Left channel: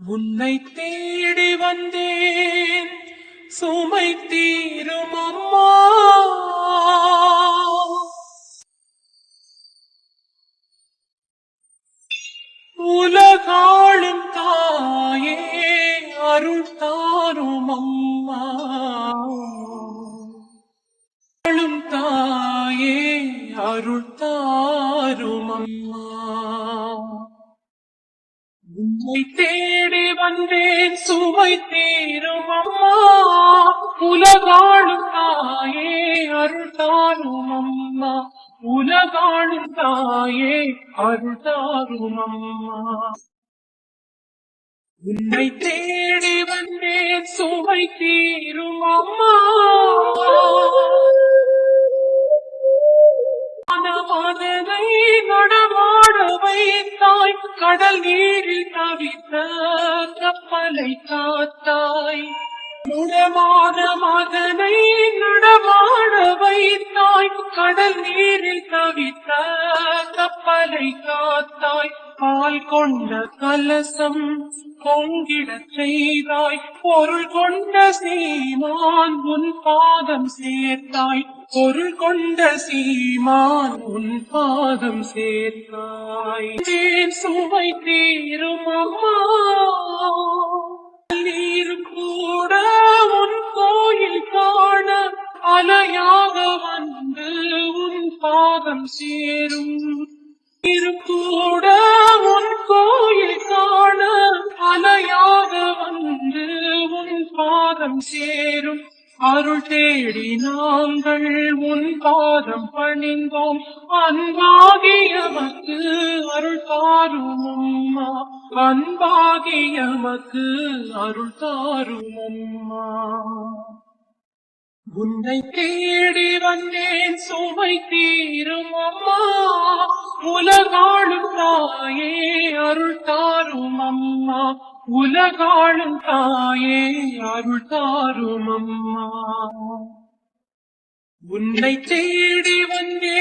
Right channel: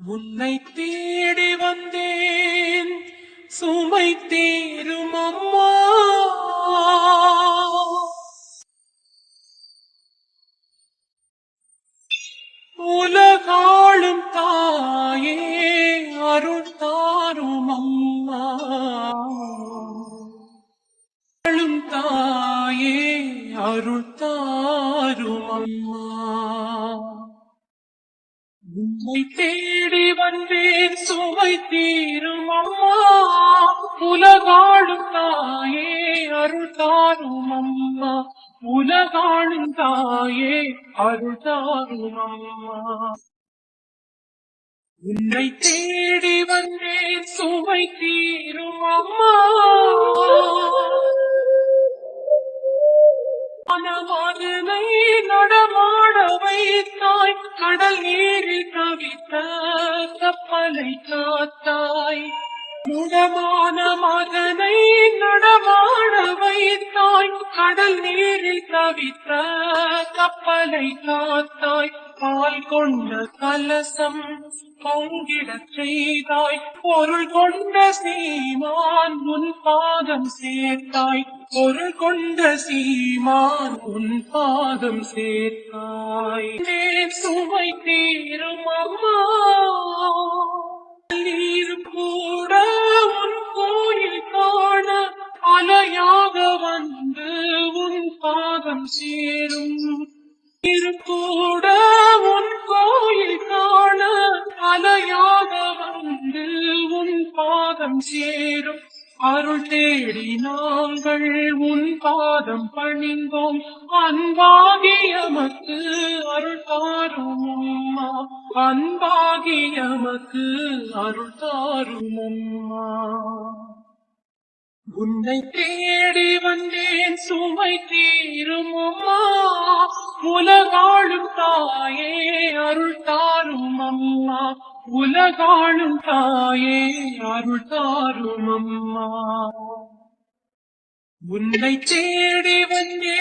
உன்னை தேடி வந்தேன் சுமை தீரும் அம்மா. உலகாளும் தாயே அருள் தாரும் அம்மா. ஆளும் தாயே அருள் தாரும் அம்மா. உன்னை தேடி வந்தேன் சுமை தீரும் அம்மா. உலகாளும் தாயே அருள் தாரும் அம்மா. உலகாளும் தாயே அருள் தாரும் அம்மா. உன்னை தேடி வந்தேன் சுமை தீரும் அம்மா. மனதை நடமாட வைத்தாய், கடல் நீரில் தவித்த கப்பலை காத்தாய். முடமான மதனை நடமாட வைத்தாய், கடல் நீரில் தவித்த கப்பலை காத்தாய். பால் கொண்ட கலசம் பொங்கிடச் செய்தாய், பொருள் கொண்ட சீமான் உன் பாதம் சேர்த்தாய். பொருள் கொண்ட சீமான் உன் பாதம் சேர்த்தாய். சுவை தீரும் அம்மா. நீர் கூட உன் கோயில் காண அலையாக வந்து உன் பாதம் சேரும். கூட உன் கோயில் காண அலையாக வந்து உன் பாதம் சேரும். அருள் தேடி நாங்கள் உன் பாதம் பணிந்தோம். அன்பாகியமக்கு அருள் தாரும் அம்மா. அன்பாகியமக்கு அருள் தாரும் அம்மா. உன்னை தேடி வந்தேன் சுமை தீரும் அம்மா. உலகாளும் தாயே அருள் தாரும் அம்மா. உலகாளும் தாயே அருள் தாரும் அம்மா. உன்னை தேடி வந்தேன்